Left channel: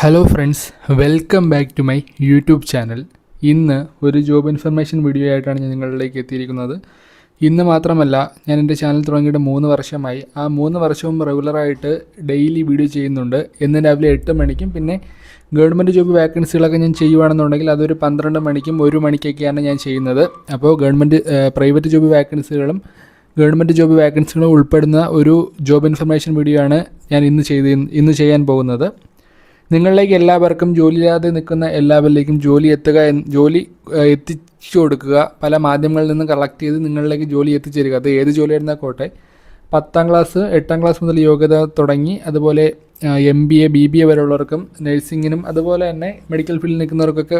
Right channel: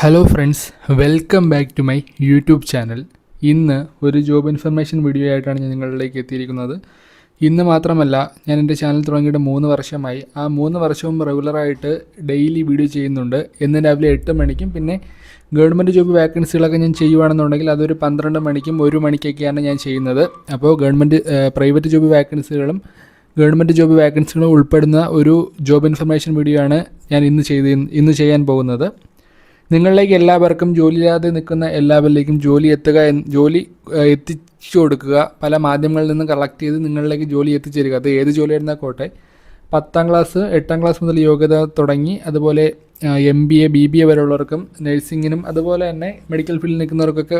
Hello friends welcome back to my YouTube channel ഇന്ന് ഒരു job information video ആയിട്ടാണ് ഞാൻ നിങ്ങളിലേക്ക് എത്തിയിരിക്കുന്നത്. ഇന്ന് മാത്രമല്ല ഞാൻ എന്റെ ചാനൽ തുടങ്ങിയിട്ട് മൂന്ന് വർഷമായി. ആ മൂന്ന് വർഷവും റെഗുലറായിട്ട് ഡെയിലി വീഡിയോ ചെയ്യുന്നുണ്ട്. എന്ന് രാവിലെ എട്ട് മണിക്കും പിന്നെ ഗവൺമെന്റ് ജോബ് വാക്കൻസികളൊക്കെ ഞാൻ ചെയ്യുവാണെന്നുണ്ടെങ്കിൽ അതൊരു പന്ത്രണ്ട് മണിക്കും ഒരു മണിക്കൊക്കെയാണ് ഞാൻ ചെയ്യുന്നത്. അപ്പോൾ ഗവൺമെന്റ് പ്രൈവറ്റ് ജോബ് വാക്കൻസികളും ഗവൺമെന്റ് ജോബ് വാക്കൻസികളും ഉൾപ്പെടുന്ന ഒരു ജോബ് ഇൻഫർമേഷൻ വീഡിയോ ആണ് ഞാൻ ഇന്ന് ചെയ്ത് ഇന്ന് ചെയ്യാൻ പോകുന്നത്. നിങ്ങളിലേക്ക് എല്ലാവർക്കും ജോലിയില്ലാതെ നിൽക്കുന്ന എല്ലാവരിലേക്കും ജോലി എത്തുക ജോലി എത്തിച്ചു കൊടുക്കുക. പല മാധ്യമങ്ങളിൽ നിന്ന് കളക്ട് ചെയ്ത് നിങ്ങളിലേക്ക് ജോലി എത്തിച്ചേരുക. അത് ഏത് ജോലി ആയിരുന്നാൽ കോട്ടെ പത്താം ക്ലാസ് എട്ടാം ക്ലാസ് മുതൽ യോഗ്യത തുടങ്ങി. അതുപോലെ M B A B B A വരെയുള്ളവർക്കും നഴ്സിങ്ങിനും അതുപോലെ തന്നെ മെഡിക്കൽ ഫീൽഡിൽ നിൽക്കുന്നവർക്കൊക്കെ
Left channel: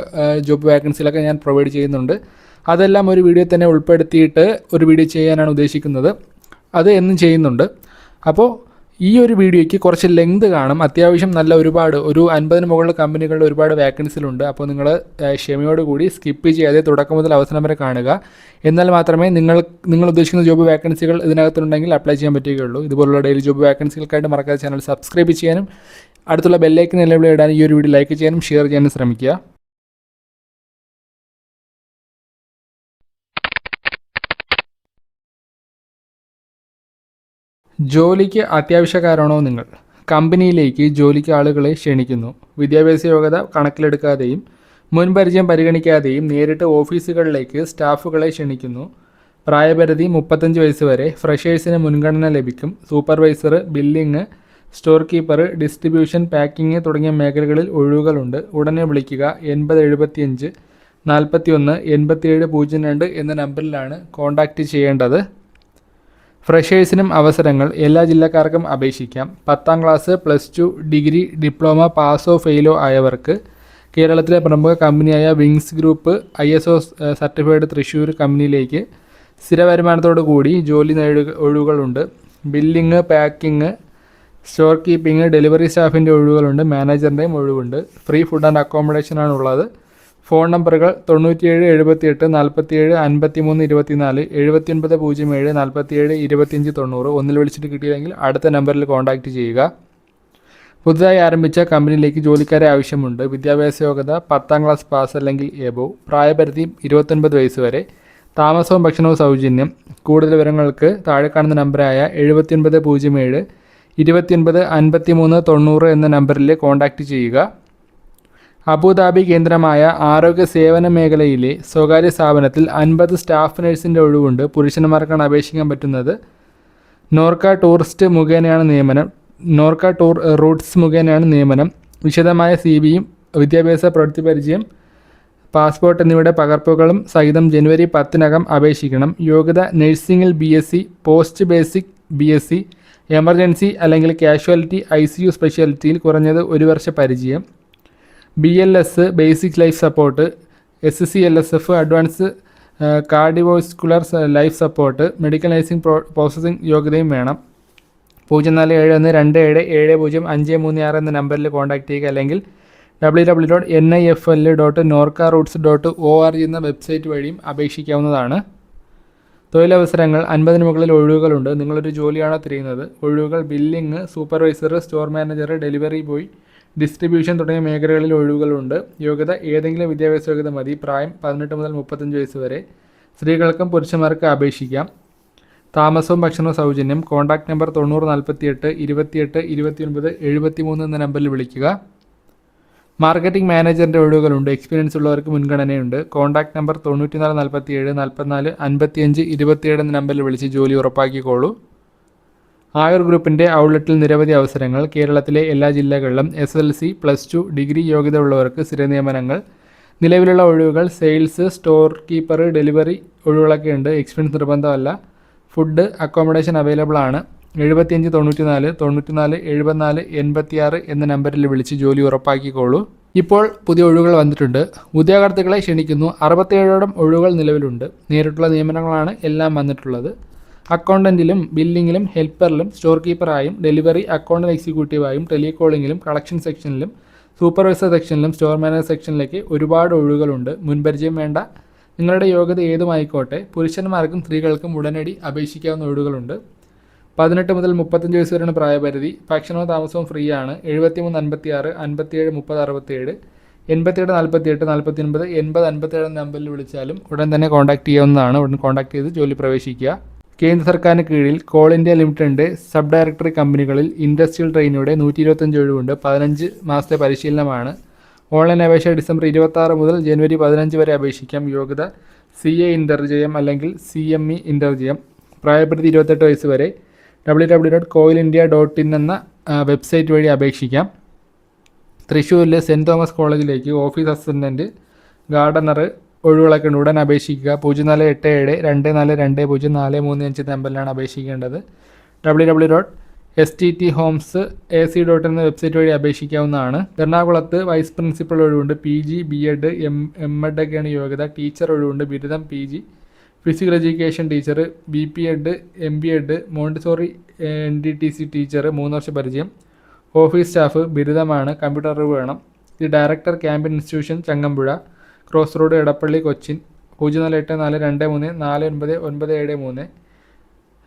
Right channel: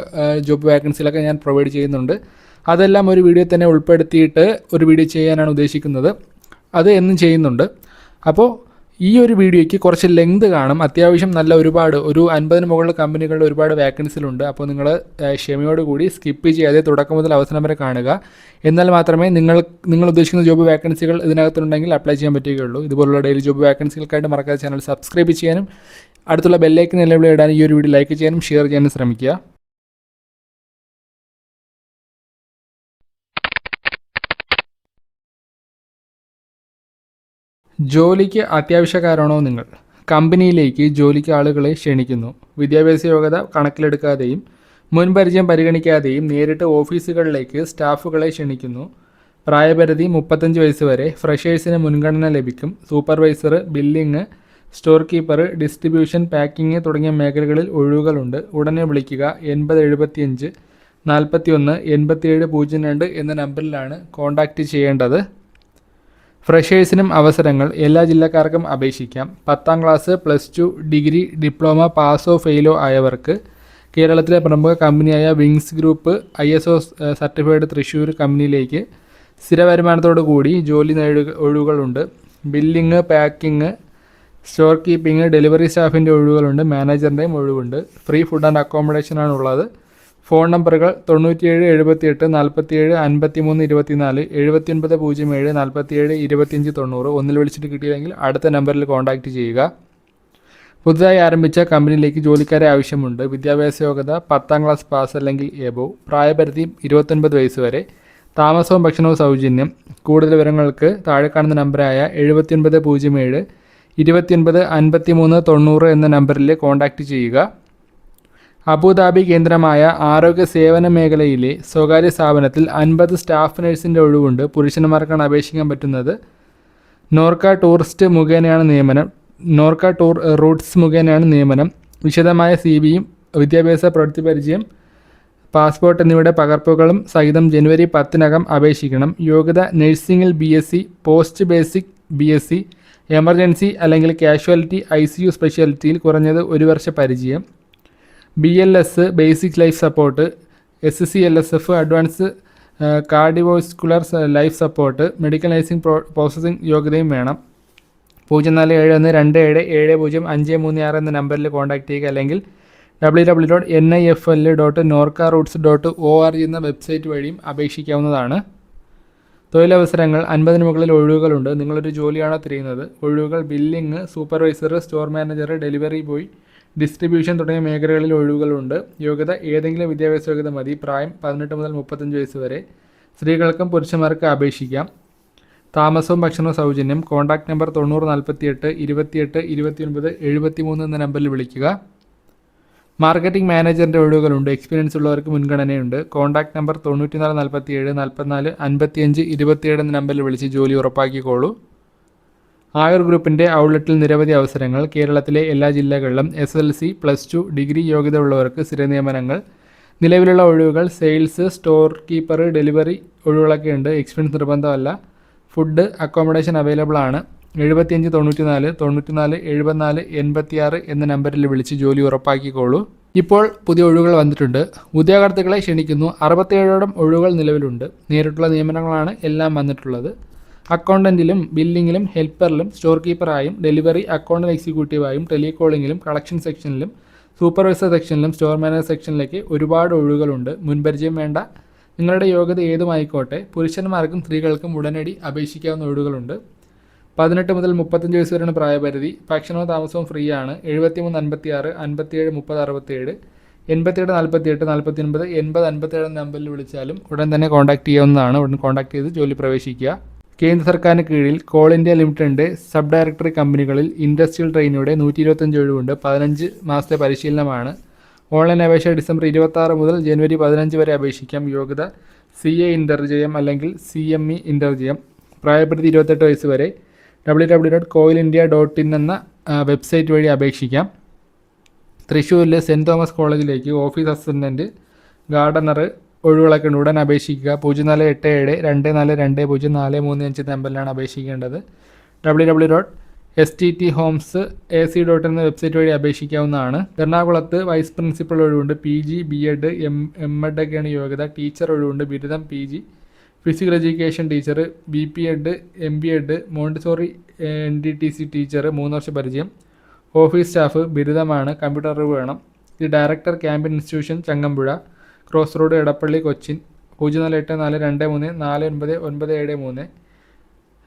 ജോബ് വാക്കൻസികളൊക്കെ ഞാൻ പ്രൊവൈഡ് ചെയ്യുന്നുണ്ട്. അതെല്ലാം ഒരു വീഡിയോ തന്നെ ഉൾപ്പെടുത്തിയിട്ട് ഒരു വീഡിയോ ചെയ്യാനാണ് ഉദ്ദേശിക്കുന്നത്. അത് എന്നും ചെയ്യുന്നുണ്ട്. അപ്പോൾ ഈ ഒരു വീഡിയോയ്ക്ക് കുറച്ച് ലെങ്ത് കാണും. അത്യാവശ്യം നല്ല ഒരുപാട് ഒരു അൻപതിന് മുകളിൽ കമ്പനികളുടെ ഒരുപാട് വാക്കൻസിലുണ്ട് അപ്പോൾ നിങ്ങൾ ക്ഷമയോടുകൂടി സ്കിപ്പ് ചെയ്യാതെ തുടക്കം മുതൽ അവസാനം വരെ കാണുക. എന്നാൽ മാത്രമേ നിങ്ങൾ നിങ്ങൾ ഉദ്ദേശിക്കുന്ന ജോബ് വേക്കൻസികൾ ഇതിനകത്തുണ്ടെങ്കിൽ അപ്ലൈ ചെയ്യാൻ പറ്റുകയുള്ളൂ. ഇതുപോലുള്ള ഡെയിലി ജോബ് വേക്കൻസികൾക്കായിട്ട് മറക്കാതെ ചാനൽ സബ്സ്ക്രൈബ് ചെയ്യാനും അടുത്തുള്ള ബെല്ലേക്ക് നിലവിളി ഇടാനും ഈ ഒരു വീഡിയോ ലൈക്ക് ചെയ്യാനും ഷെയർ ചെയ്യാനും ശ്രമിക്കുക. ജോലിക്ക് അത്യാവശ്യക്കാരാണോ നിങ്ങൾ? കമ്പനിയിലേക്ക് ജോലിക്ക് ആളുകളെ ക്ഷണിക്കുന്നു. വിദ്യാഭ്യാസ യോഗ്യത കണക്കിലെടുക്കാതെയും മുൻപരിചയം പരിഗണിക്കാതെയും നേരിട്ട് ഓഫീസുകളിലേക്ക് സ്റ്റാഫുകളെ ക്ഷണിക്കുന്നു. പ്രായപരിധി മുപ്പത്തഞ്ച് വയസ്സ് വരെ ഫ്രഷേഴ്സിന് മുൻഗണന ലഭിക്കും. Supervisor billing store keeper distribution packing തുടങ്ങിയ മേഖലകളിൽ ഒഴിവുകളുണ്ട്. ഉടനെ വിളിക്കുക എൺപത് എഴുപത്തിയഞ്ച് നാൽപ്പത്തി ഒന്ന് എൺപത്തിയേഴ് പൂജ്യം രണ്ട് എന്ന നമ്പറിലാണ് കോൺടാക്റ്റ് ചെയ്യേണ്ടത്. ഫ്രഷേഴ്സിനും അവസരങ്ങൾ എല്ലാ ജില്ലക്കാർക്കും അപേക്ഷിക്കാം. പത്താം class plus two degree diploma Passoa ഫെയിലോ ആയവർക്ക് കേരളത്തിലെ പ്രമുഖ കമ്പനിയായ Wings group I S O certified Thrissur കമ്പനിയിലേക്ക് സ്ഥിര വരുമാനത്തോടു കൂടി ജോലി നേടുക ഒഴിവുകളുണ്ട്. Billing packing store keeping delivery സ്റ്റാഫിന്റെ ഒഴിവുകളുണ്ട്. മാനേജറിന്റെയും ഒഴിവുണ്ട്. ഫ്രീ ഫുഡ് ആൻഡ് അക്കോമഡേഷനാണ് ഉള്ളത് ഫോൺ നമ്പറുകൾ തൊണ്ണൂറ്റിയേഴ് എഴുപത്തിയെട്ട് നാൽപ്പത്തിയേഴ് അൻപത്തിമൂന്ന് ഇരുപത്തിനാല് എഴുപത്തിയൊൻപത് പൂജ്യം ഏഴ് നാൽപ്പത്തിയേഴ് ഇരുപത്തിയഞ്ച് തൊണ്ണൂറ് ഒന്നിൽ വിളിച്ചിട്ട് കിട്ടിയില്ലെങ്കിൽ അടുത്ത നമ്പറിൽ കോൺടാക്റ്റ് ചെയ്യുക. പുതുതായി ആരംഭിച്ച കമ്പനിയിലേക്ക് ജോലിക്കാരെ ആവശ്യമുണ്ട്. വിദ്യാഭ്യാസ യോഗ്യത പത്താം ക്ലാസ് പാസ് അല്ലെങ്കിൽ എബോ പ്രായപരിധി ഇരുപത്തൊൻപത് വയസ്സ് വരെ താമസവും ഭക്ഷണവും സൗജന്യം. കൂടുതൽ വിവരങ്ങൾക്ക് താഴെ കാണുന്ന നമ്പറായ എഴുപത്തിയൊൻപത് പൂജ്യം ഏഴ് ഇരുപത്തിയൊൻപത് അൻപത്തിമൂന്ന് തൊണ്ണൂറ് എന്ന നമ്പറിൽ കോൺടാക്റ്റ് ചെയ്യുക. അബുദാബി കേന്ദ്രമായ ആരോഗ്യ സേവന മേഖലയിലെ സ്വകാര്യ സ്ഥാപനത്തിൽ അൻപത് സ്റ്റാഫ് നഴ്സിന്റെ ഒഴിവുണ്ട്. പുരുഷന്മാർക്കാണ് അപേക്ഷിക്കാൻ പറ്റുന്നത്. നോർക്ക ടൂറിസ്റ്റ് മുഖേനയാണ് നിയമനം. നോർക്ക ടൂർ റൂട്ട്സ് മുഖേനയാണ് നിയമനം. വിശദമായ സി ബിയും വിദ്യാഭ്യാസ പ്രവൃത്തി പരിചയം പാസ്പോർട്ട് എന്നിവയുടെ പകർപ്പുകളും സഹിതം ജനുവരി പത്തിനകം അപേക്ഷിക്കണം. യോഗ്യത നഴ്സിംഗിൽ B S C post basic B S C emergency അല്ലെങ്കിൽ കാഷ്വാലിറ്റി ഐ സി യു സ്പെഷ്യാലിറ്റിയിൽ കുറഞ്ഞത് ഒരു വർഷ പരിചയം. B L S basic life support S C L S F advance cardiovascular life support medical nursing pro processing യോഗ്യതയും വേണം. പൂജ്യം നാല് ഏഴ് ഒന്ന് രണ്ട് ഏഴ് ഏഴ് പൂജ്യം അഞ്ച് മൂന്ന് ആറ് എന്ന നമ്പറിൽ കോൺടാക്റ്റ് ചെയ്യുക അല്ലെങ്കിൽ W W dot N I F L dot Norka roots dot O R എന്ന വെബ്സൈറ്റ് വഴിയും അപേക്ഷിക്കാവുന്നതാണ്. തൊഴിലവസരങ്ങൾ അൻപതിന് മുകളിൽ ഒഴിവുകളുണ്ട്. നിങ്ങളൊരു ജോലിയാണോ തിരയുന്നത്? ഒഴിവുകൾ billing supervisor store manager delivery boy distribution തുടങ്ങിയ മേഖലകളിൽ ഒഴിവുകളുണ്ട്. യോഗ്യത ഏതെങ്കിലും വിദ്യാഭ്യാസ യോഗ്യത മതി. പ്രായം പതിനെട്ട് മുതൽ മുപ്പത്തഞ്ച് വയസ്സ് വരെ. സ്ത്രീകൾക്കും പുരുഷന്മാർക്കും അപേക്ഷിക്കാം. താമസവും ഭക്ഷണവും സൗജന്യം. കോൺടാക്ട് നമ്പർ തൊണ്ണൂറ് നാൽപ്പത്തിയെട്ട് ഇരുപത്തിയെട്ട് ഇരുപത്തിയൊൻപത് എഴുപത്തിമൂന്ന് എന്ന നമ്പറിൽ വിളിക്കുക. മാർക്കറ്റിംഗ് മാനേജറിന്റെ ഒഴിവുകളുണ്ട്. എക്സ്പീരിയൻസ് ഉള്ളവർക്ക് മുൻഗണനയുണ്ട്. കോൺടാക്ട് നമ്പർ തൊണ്ണൂറ്റിനാല് നാൽപ്പത്തിയേഴ് നാൽപ്പത്തിനാല് അൻപത്തിയഞ്ച് ഇരുപത്തിയേഴ് എന്ന നമ്പറിൽ വിളിച്ച് ജോലി ഉറപ്പാക്കിക്കോളൂ. ആയുർ ഗ്രൂപ്പിന്റെ ഔട്ട്ലെറ്റിൽ നിരവധി അവസരങ്ങൾ. കേരളത്തിലെ എല്ലാ ജില്ലകളിലും S L C plus two degree യോഗ്യത ഉള്ളവർക്ക് സ്ഥിര നിയമനങ്ങൾ. നിലവിലുള്ള ഒഴിവുകൾ സെയിൽസ് സ്റ്റോർ കീപ്പർ ഡെലിവറി ഒഴിവുകളൊക്കെ ഉണ്ട്. എക്സ്പീരിയൻസ് നിർബന്ധമല്ല. ഫുഡ് അക്കോമഡേഷൻ അവൈലബിൾ ആണ്. എഴുപത്തിയഞ്ച് തൊണ്ണൂറ്റിനാല് തൊണ്ണൂറ്റിനാല് എഴുപത്തിനാല് എൺപത്തിയാറ് എന്ന നമ്പറിൽ വിളിച്ച് ജോലി ഉറപ്പാക്കിക്കോളൂ. ഇപ്പോൾ പുതിയ ഒഴിവുകൾ വന്നിട്ടുണ്ട്. ഉദ്യോഗാർത്ഥികളെ ക്ഷണിക്കുന്നു. അറുപത്തേഴോളം ഒഴിവുകൾ നിലവിലുണ്ട്. നേരിട്ടുള്ള നിയമനങ്ങളാണ് എല്ലാം വന്നിട്ടുള്ളത്. അക്കൗണ്ടന്റിലും ബില്ലിങ്ങിലും ഹെൽപ്പറിലും സ്റ്റോർ കീപ്പറായും ഡെലിവറി അക്കൗണ്ടന്റ് എക്സിക്യൂട്ടീവായും ടെലികോളിങ്ങിലും കളക്ഷൻ സെക്ഷനിലും സൂപ്പർവൈസർ സെക്ഷനിലും സ്റ്റോർ മാനേജർ സെക്ഷനിലേക്ക് ഒരുപാട് ഒഴിവുകളുണ്ട്. മുൻപരിചയം വേണ്ട. നിങ്ങളുടെ യോഗ്യത ഏതുമായിക്കോട്ടെ പുരുഷന്മാർക്കും സ്ത്രീകൾക്കും ഉടനടി അപേക്ഷിക്കാവുന്ന ഒഴിവുകളുണ്ട്. പതിനെട്ട് മുതൽ മുപ്പത്തഞ്ച് വയസ്സ് വരെയാണ് പ്രായപരിധി. ഭക്ഷണവും താമസവും ഫ്രീ ആണ് എഴുപത്തി മൂന്ന് അൻപത്തി ആറ് അൻപത്തിയേഴ് മുപ്പത് അറുപത്തിയേഴ് എൺപത്തിയെട്ട് നാൽപ്പത്തിയെട്ട് നാൽപ്പത്തി ഒൻപത് എൺപത് അൻപത്തേഴ് നമ്പറിൽ വിളിച്ചാലും ഉടൻ തന്നെ കോൺടാക്ട് ചെയ്യാവുന്നതാണ്. ഉടൻ കോൺടാക്ട് ചെയ്ത് ജോലി പ്രവേശിക്കുക. കേന്ദ്ര സർക്കാരിന് കീഴിൽ കോൾ ഇന്ത്യ ലിമിറ്റഡിന്റെ സബ് ഡയറക്ടറി കമ്പനികളിൽ ഇൻഡസ്ട്രിയൽ ട്രെയിനിയുടെ നൂറ്റി ഇരുപത്തഞ്ച് ഒഴിവുണ്ട്. പതിനഞ്ച് മാസത്തെ പരിശീലനമാണ്. ഓൺലൈൻ അപേക്ഷ ഡിസംബർ ഇരുപത്തി ആറ് മുതൽ ജനുവരി പതിനഞ്ച് വരെ അപേക്ഷിക്കാം. യോഗ്യത സി എ ഇന്റർജയം അല്ലെങ്കിൽ സി എം ഇ ഇന്റർജയം പ്രായപരിധി ഇരുപത്തെട്ട് വയസ്സ് വരെ. W W dot coal India dot in എന്ന വെബ്സൈറ്റ് വഴി അപേക്ഷിക്കാം. തൃശ്ശൂരിലെ സെന്റ് തോമസ് കോളേജിലേക്ക് ഓഫീസ് അസിസ്റ്റന്റ് ഗാർഡനർ ഒഴിവുകളൊക്കെ ഉണ്ട്. ഉടൻ അപേക്ഷിക്കുക. പൂജ്യം നാല് എട്ട് ഏഴ് രണ്ട് നാല് രണ്ട് പൂജ്യം നാല് മൂന്ന് അഞ്ച് നമ്പറിലാണ് അപേക്ഷിക്കേണ്ടത്. W W dot S T T homes A C dot എന്ന വെബ്സൈറ്റ് വഴി അപേക്ഷിക്കാവുന്നതാണ്. എറണാകുളത്ത് വൈസ് പ്രിൻസിപ്പൽ ഒഴിവുണ്ട്. P G B Ed M M Ed ഒക്കെയാണ് യോഗ്യത. ടീച്ചർ ഒഴിവുണ്ട്. ബിരുദം P G physical education teacher B P Ed M B Ed Montessori N D T C teacher മൂന്ന് വർഷ പരിചയം. Office staff ബിരുദമാണ്. കമ്പ്യൂട്ടർ അറിവ് വേണം. ഇത് director camp institution Changampuzha. Cross road Edappally Cochin പൂജ്യം നാല് എട്ട് നാല് രണ്ട് മൂന്ന് നാല് ഒൻപത് ഒൻപത് ഏഴ് മൂന്ന്.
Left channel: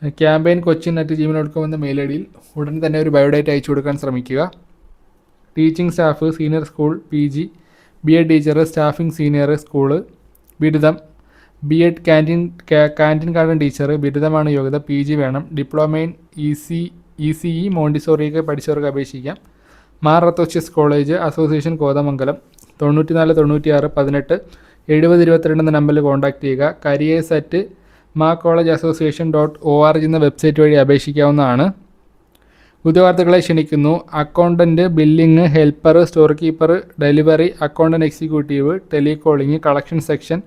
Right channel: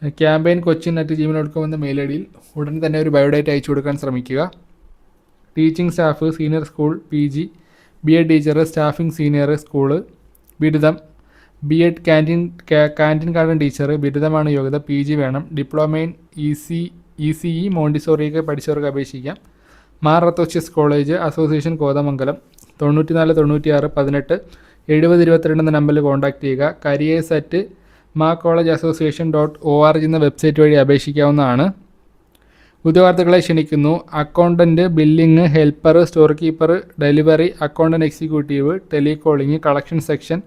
Campaign Cochin at Gmail dot com എന്ന മെയിൽ ഐ ഡിയിൽ ഉടൻ തന്നെ ഒരു ബയോഡേറ്റ അയച്ചു കൊടുക്കാൻ ശ്രമിക്കുക. Teaching staff senior school P G B Ed teacher staffing senior school ബിരുദം B Ed canteen canteen garden teacher ബിരുദമാണ് യോഗ്യത പി ജി വേണം. Diploma in E C E C E മോണ്ടിസോറിയൊക്കെ പഠിച്ചവർക്ക് അപേക്ഷിക്കാം. മാർ റത്തോഷ്യസ് കോളേജ് അസോസിയേഷൻ കോതമംഗലം. തൊണ്ണൂറ്റിനാല് തൊണ്ണൂറ്റിയാറ് പതിനെട്ട് എഴുപത് ഇരുപത്തിരണ്ട് എന്ന നമ്പറിൽ കോൺടാക്ട് ചെയ്യുക. കരിയേഴ്സ് അറ്റ് മാ college association dot O R G എന്ന വെബ്സൈറ്റ് വഴി അപേക്ഷിക്കാവുന്നതാണ്. ഉദ്യോഗാർത്ഥികളെ ക്ഷണിക്കുന്നു. Accountant billing helper store keeper delivery accountant executive telecalling collection section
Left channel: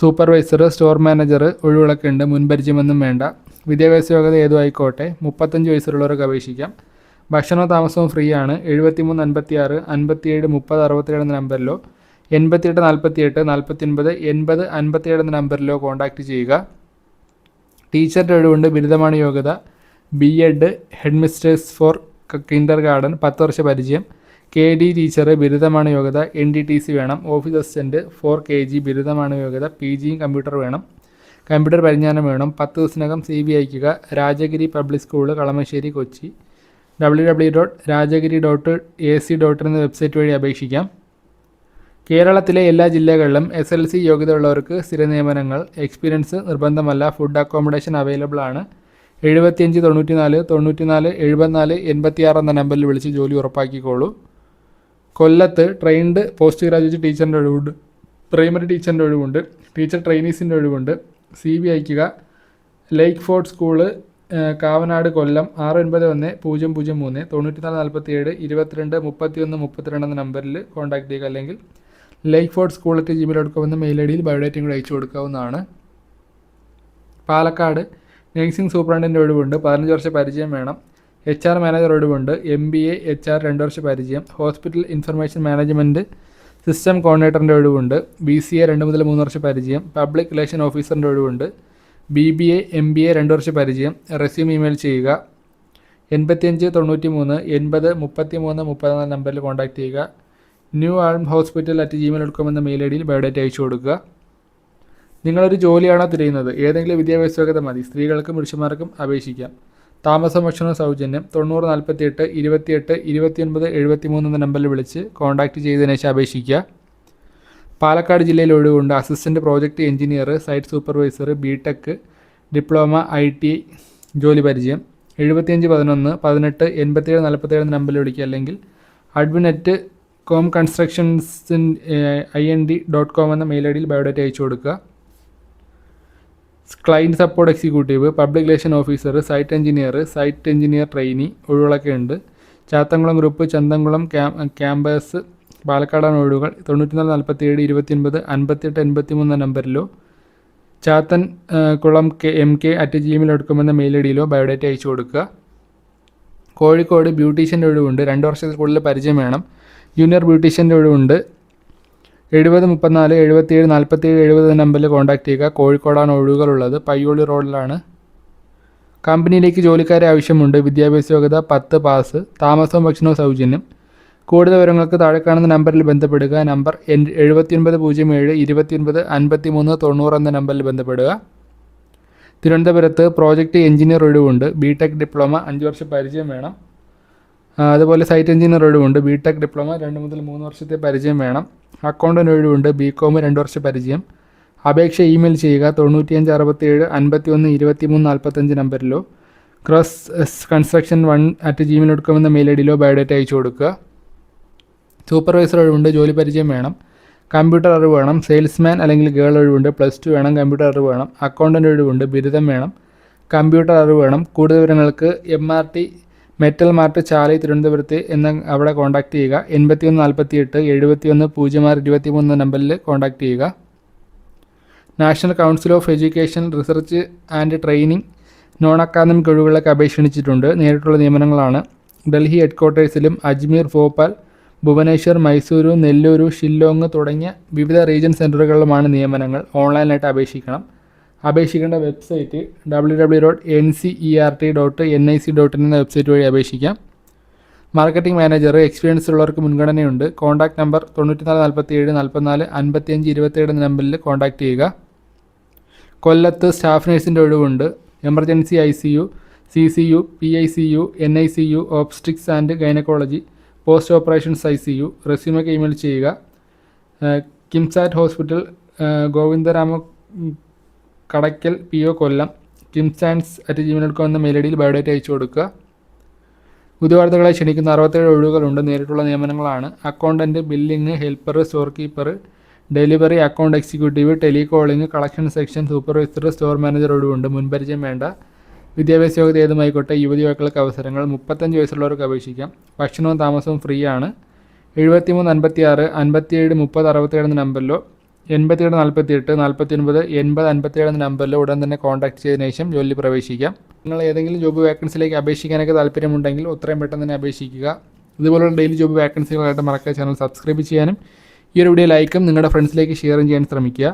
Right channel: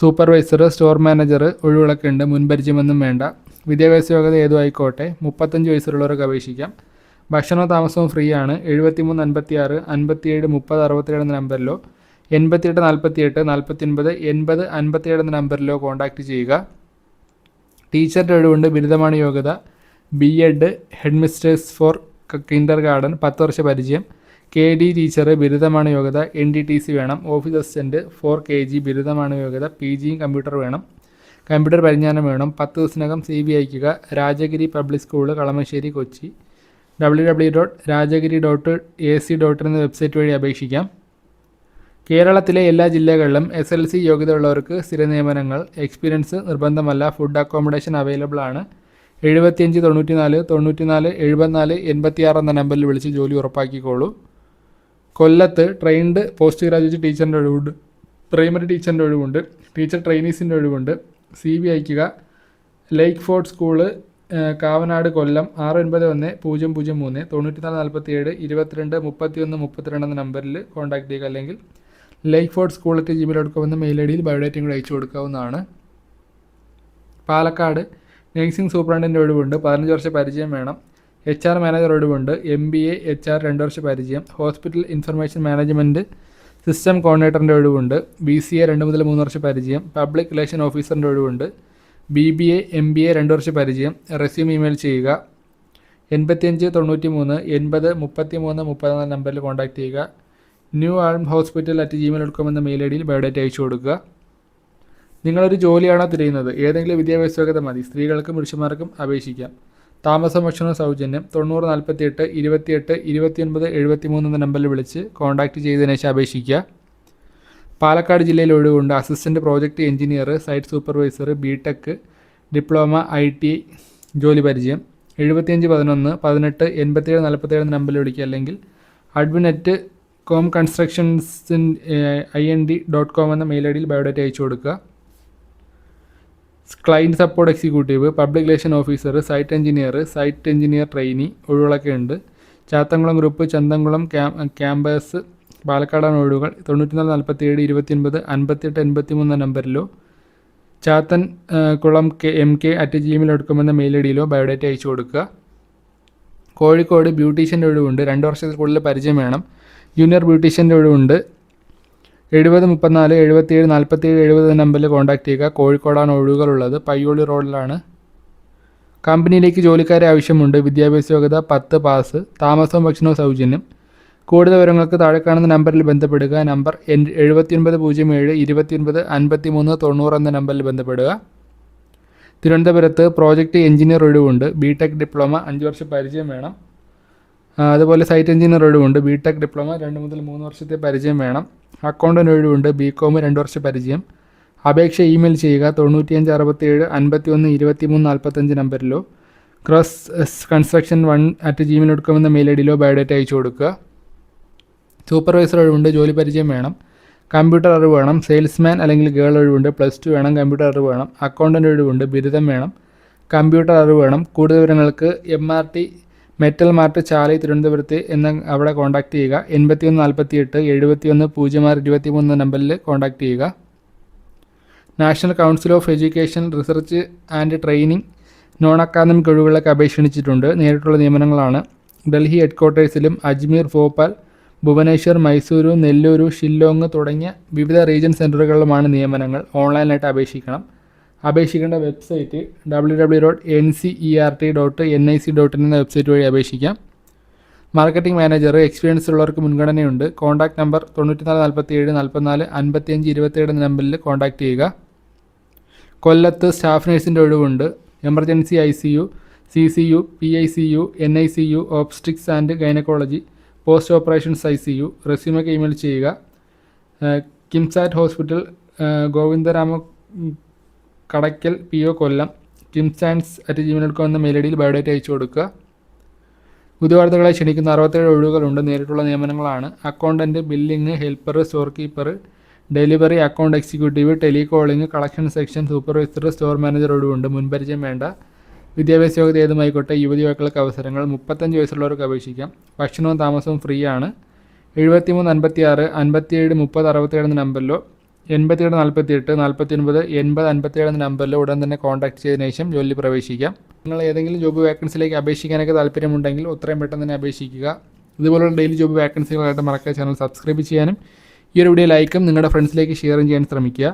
supervisor store manager ഒഴിവിളക്കുണ്ട് മുൻപരിചയമൊന്നും വേണ്ട. വിദ്യാഭ്യാസ യോഗ്യത ഏതും ആയിക്കോട്ടെ. മുപ്പത്തഞ്ച് വയസ്സുള്ളവർക്ക് അപേക്ഷിക്കാം. ഭക്ഷണവും താമസവും ഫ്രീ ആണ് എഴുപത്തി മൂന്ന് അൻപത്തി ആറ് അൻപത്തിയേഴ് മുപ്പത് അറുപത്തിയേഴ് എന്ന നമ്പറിലോ എൺപത്തിയെട്ട് നാൽപ്പത്തിയെട്ട് നാൽപ്പത്തിയൊൻപത് എൺപത് അൻപത്തിയേഴ് എന്ന നമ്പറിലോ കോൺടാക്റ്റ് ചെയ്യുക. ടീച്ചറുടെ ഒഴിവുണ്ട്. ബിരുദമാണ് യോഗ്യത. B Ed headmistress for kindergarten പത്ത് വർഷ പരിചയം. കെ ഡി ടീച്ചർ ബിരുദമാണ് യോഗ്യത. എൻ ഡി ടി സി വേണം. Office assistant for K G ബിരുദമാണ് യോഗ്യത. പി ജിയും കമ്പ്യൂട്ടർ വേണം. കമ്പ്യൂട്ടർ പരിജ്ഞാനം വേണം. പത്ത് ദിവസത്തിനകം സി ബി അയക്കുക Rajagiri public school Kalamassery Kochi. W W dot Rajagiri dot A C dot എന്ന വെബ്സൈറ്റ് വഴി അപേക്ഷിക്കാം. കേരളത്തിലെ എല്ലാ ജില്ലകളിലും എസ് എൽ സി യോഗ്യതയുള്ളവർക്ക് സ്ഥിര നിയമനങ്ങൾ എക്സ്പീരിയൻസ് നിർബന്ധമല്ല ഫുഡ് അക്കോമഡേഷൻ അവൈലബിൾ ആണ്. എഴുപത്തിയഞ്ച് തൊണ്ണൂറ്റിനാല് തൊണ്ണൂറ്റിനാല് എഴുപത്തിനാല് എൺപത്തിയാറ് എന്ന നമ്പറിൽ വിളിച്ച് ജോലി ഉറപ്പാക്കിക്കോളൂ. കൊല്ലത്ത് ട്രെയിൻഡ് പോസ്റ്റ് ഗ്രാജുവേറ്റ് ടീച്ചറിന്റെ ഒഴിവുണ്ട്. പ്രൈമറി ടീച്ചറിന്റെ ഒഴിവുണ്ട്. ടീച്ചർ ട്രെയിനീസിന്റെ ഒഴിവുണ്ട്. സി ബി അയക്കുക lake fort school Kavanad Kollam ആറ് ഒൻപത് ഒന്ന് പൂജ്യം പൂജ്യം മൂന്ന് തൊണ്ണൂറ്റിനാല് നാൽപ്പത്തി ഏഴ് ഇരുപത്തിരണ്ട് മുപ്പത്തി ഒന്ന് മുപ്പത്തിരണ്ട് എന്ന നമ്പറിൽ കോൺടാക്ട് ചെയ്യുക. അല്ലെങ്കിൽ lake fort school at Gmail dot mail I ഡിയിൽ ബയോഡേറ്റയും കൂടി അയച്ചു കൊടുക്കാവുന്നതാണ്. പാലക്കാട് നഴ്സിംഗ് സൂപ്രണ്ടിന്റെ ഒഴിവുണ്ട്. പതിനഞ്ച് വർഷ പരിചയം വേണം. എച്ച് ആർ മാനേജർ ഒഴിവുണ്ട്. M B A H R രണ്ട് വർഷ പരിചയം. ഹോസ്പിറ്റൽ ഇൻഫർമേഷൻ മാനേജ്മെന്റ് സിസ്റ്റം കോർഡിനേറ്ററിന്റെ ഒഴിവുണ്ട്. ബി സി എ രണ്ട് മുതൽ മൂന്ന് വർഷ പരിചയം. പബ്ലിക് റിലേഷൻ ഓഫീസറിന്റെ ഒഴിവുണ്ട്. B B A M B A രണ്ട് വർഷ പരിചയം. റെസ്യൂം ഇമെയിൽ ചെയ്യുക. എൺപത്തിയഞ്ച് തൊണ്ണൂറ്റി മൂന്ന് എൺപത് മുപ്പത്തി മൂന്ന് മുപ്പത് എന്ന നമ്പറിൽ കോൺടാക്ട് ചെയ്യുക. ന്യൂ ആൾം hospital at Gmail dot com എന്ന മെയിൽ ഐ ഡിയിൽ ബയോഡേറ്റ അയച്ചു കൊടുക്കുക. നിങ്ങളൊരു ജോലിയാണോ തിരയുന്നത്? ഏതെങ്കിലും വിദ്യാഭ്യാസ യോഗ്യത മതി. സ്ത്രീകൾക്കും പുരുഷന്മാർക്കും അപേക്ഷിക്കാം. താമസം ഭക്ഷണം സൗജന്യം തൊണ്ണൂറ് നാൽപ്പത്തിയെട്ട് ഇരുപത്തിയെട്ട് ഇരുപത്തിയൊൻപത് എഴുപത്തിമൂന്ന് എന്ന നമ്പറിൽ വിളിച്ച് കോൺടാക്റ്റ് ചെയ്തതിനു ശേഷം അപേക്ഷിക്കുക. പാലക്കാട് ജില്ലയിൽ ഒഴിവുണ്ട്. Assistant project engineer site supervisor B Tech diploma I T ജോലി പരിചയം. എഴുപത്തിയഞ്ച് പതിനൊന്ന് പതിനെട്ട് എൺപത്തിയേഴ് നാൽപ്പത്തേഴ് നമ്പറിൽ വിളിക്കുക. അല്ലെങ്കിൽ admin at com constructions I N D dot com എന്ന മെയിൽ ഐ ഡിയിൽ ബയോഡേറ്റ അയച്ചു കൊടുക്കുക. Client support executive public relation officer site engineer site engineer trainee ഒഴിവുകളൊക്കെ ഉണ്ട്. ചാത്തങ്കുളം ഗ്രൂപ്പ് ചന്തംകുളം ക്യാ- ക്യാമ്പസ് പാലക്കാടാണ് ഒഴിവുകൾ തൊണ്ണൂറ്റിനാല് നാൽപ്പത്തി ഏഴ് ഇരുപത്തിയൊൻപത് അൻപത്തിയെട്ട് എൺപത്തി മൂന്ന് നമ്പറിലോ Chathankulam K M K at Gmail എന്ന മെയിൽ ഐ ഡിയിലോ ബയോഡേറ്റ അയച്ചു കൊടുക്കുക. കോഴിക്കോട് ബ്യൂട്ടീഷ്യന്റെ ഒഴിവുണ്ട് രണ്ട് വർഷത്തിൽ കൂടുതൽ പരിചയം വേണം. ജൂനിയർ ബ്യൂട്ടീഷ്യന്റെ ഒഴിവുണ്ട് എഴുപത് മുപ്പത്തിനാല് എഴുപത്തിയേഴ് നാൽപ്പത്തിയേഴ് എഴുപത് നമ്പറിൽ കോൺടാക്ട് ചെയ്യുക. കോഴിക്കോടാണ് ഒഴിവുകളുള്ളത് പയ്യോളി റോഡിലാണ്. കമ്പനിയിലേക്ക് ജോലിക്കാരെ ആവശ്യമുണ്ട്. വിദ്യാഭ്യാസ യോഗ്യത പത്ത് പാസ്. താമസവും ഭക്ഷണവും സൗജന്യം. കൂടുതൽ വിവരങ്ങൾക്ക് താഴെ കാണുന്ന നമ്പറിൽ ബന്ധപ്പെടുക. നമ്പർ എഴുപത്തിയൊൻപത് പൂജ്യം ഏഴ് ഇരുപത്തിയൊൻപത് അൻപത്തി മൂന്ന് തൊണ്ണൂറ് എന്ന നമ്പറിൽ ബന്ധപ്പെടുക. തിരുവനന്തപുരത്ത് പ്രോജക്റ്റ് എഞ്ചിനീയർ ഒഴിവുണ്ട്. ബി ടെക് ഡിപ്ലോമ അഞ്ച് വർഷം പരിചയം വേണം. അതുപോലെ സൈറ്റ് എഞ്ചിനീയർ ഒഴിവുണ്ട്. ബി ടെക് ഡിപ്ലോമ രണ്ട് മുതൽ മൂന്ന് വർഷത്തെ പരിചയം വേണം. അക്കൗണ്ടന്റ് ഒഴിവുണ്ട്. ബി കോം രണ്ട് വർഷ പരിചയം. അപേക്ഷ ഇമെയിൽ ചെയ്യുക. തൊണ്ണൂറ്റിയഞ്ച് അറുപത്തിയേഴ് അൻപത്തി ഒന്ന് ഇരുപത്തി മൂന്ന് നാൽപ്പത്തഞ്ച് നമ്പറിലോ. Cross construction one at Gmail dot com എന്ന മെയിൽ ഐ ഡിയിലോ ബയോഡേറ്റ അയച്ചു കൊടുക്കുക. സൂപ്പർവൈസർ ഒഴിവുണ്ട് ജോലി പരിചയം വേണം. കമ്പ്യൂട്ടർ അറിവ് വേണം. സെയിൽസ്മാൻ അല്ലെങ്കിൽ ഗേൾ ഒഴിവുണ്ട്. പ്ലസ് ടു വേണം. കമ്പ്യൂട്ടർ അറിവ് വേണം. അക്കൗണ്ടന്റ് ഒഴിവുണ്ട്. ബിരുദം വേണം. കമ്പ്യൂട്ടർ അറിവ് വേണം. കൂടുതൽ വിവരങ്ങൾക്ക് M R T metal mart Chalai തിരുവനന്തപുരത്ത് എന്ന അവിടെ കോൺടാക്ട് ചെയ്യുക. എൺപത്തി ഒന്ന് നാൽപ്പത്തി എട്ട് എഴുപത്തി ഒന്ന് പൂജ്യം ആറ് ഇരുപത്തി മൂന്ന് നമ്പറിൽ കോൺടാക്ട് ചെയ്യുക. National council of education research and training non academic ഒഴിവുകളൊക്കെ അപേക്ഷിച്ചിട്ടുണ്ട്. നേരിട്ടുള്ള നിയമനങ്ങളാണ്. ഡൽഹി ഹെഡ്ക്വാർട്ടേഴ്സിലും അജ്മീർ ഭോപ്പാൽ ഭുവനേശ്വർ മൈസൂരു നെല്ലൂരു ഷില്ലോങ് തുടങ്ങിയ വിവിധ റീജിയൻ സെന്ററുകളിലുമാണ് നിയമനങ്ങൾ ഓൺലൈനായിട്ട് അപേക്ഷിക്കണം. അപേക്ഷിക്കേണ്ട website W W dot N C E R T dot N I C dot in എന്ന വെബ്സൈറ്റ് വഴി അപേക്ഷിക്കാം. മാർക്കറ്റിംഗ് മാനേജർ എക്സ്പീരിയൻസ് ഉള്ളവർക്ക് മുൻഗണനയുണ്ട്. കോൺടാക്ട് നമ്പർ തൊണ്ണൂറ്റിനാല് നാൽപ്പത്തി ഏഴ് നാൽപ്പത്തിനാല് അൻപത്തിയഞ്ച് ഇരുപത്തിയേഴ് എന്ന നമ്പറിൽ കോൺടാക്ട് ചെയ്യുക. കൊല്ലത്ത് സ്റ്റാഫ് നേഴ്സിന്റെ ഒഴിവുണ്ട്. Emergency I C U C C U P I C U N I C U obstetrics and gynaecology post operations I C U റെസ്യൂമൊക്കെ email ചെയ്യുക Kimsat hospital ഗോവിന്ദരാമ Kadakkal P O Kollam കിംസാൻസ് at Gmail dot com എന്ന mail I ഡിയിൽ biodata അയച്ചു കൊടുക്കുക. ഉദ്യോഗാർത്ഥികളെ ക്ഷണിക്കുന്ന അറുപത്തേഴ് ഒഴിവുകളുണ്ട്. നേരിട്ടുള്ള നിയമനങ്ങളാണ്. Accountant billing helper store keeper delivery account executive telecalling collection section supervisor store manager ഒഴിവുണ്ട്. മുൻപരിചയം വേണ്ട. വിദ്യാഭ്യാസ യോഗ്യത ഏതുമായിക്കോട്ടെ യുവതി യുവാക്കൾക്ക് അവസരങ്ങൾ മുപ്പത്തഞ്ച് വയസ്സുള്ളവർക്ക് അപേക്ഷിക്കാം. ഭക്ഷണവും താമസവും ഫ്രീ ആണ് എഴുപത്തിമൂന്ന് അൻപത്തി ആറ് അൻപത്തിയേഴ് മുപ്പത് അറുപത്തേഴ് എന്ന നമ്പറിലോ എൺപത്തിയേഴ് നാൽപ്പത്തി എട്ട് നാൽപ്പത്തി ഒൻപത് എൺപത് അൻപത്തിയേഴ് എന്ന നമ്പറിലോ ഉടൻ തന്നെ കോൺടാക്ട് ചെയ്തതിനു ശേഷം ജോലി പ്രവേശിക്കാം. നിങ്ങൾ ഏതെങ്കിലും ജോബ് വേക്കൻസിയിലേക്ക് അപേക്ഷിക്കാനൊക്കെ താല്പര്യമുണ്ടെങ്കിൽ ഉത്രയും പെട്ടെന്ന് തന്നെ അപേക്ഷിക്കുക. ഇതുപോലുള്ള ഡെയിലി ജോബ് വേക്കൻസികളായിട്ട് മറക്കാതെ ചാനൽ സബ്സ്ക്രൈബ് ചെയ്യാനും ഈ ഒരു വീഡിയോ ലൈക്കും നിങ്ങളുടെ ഫ്രണ്ട്സിലേക്ക് ഷെയറും ചെയ്യാൻ ശ്രമിക്കുക.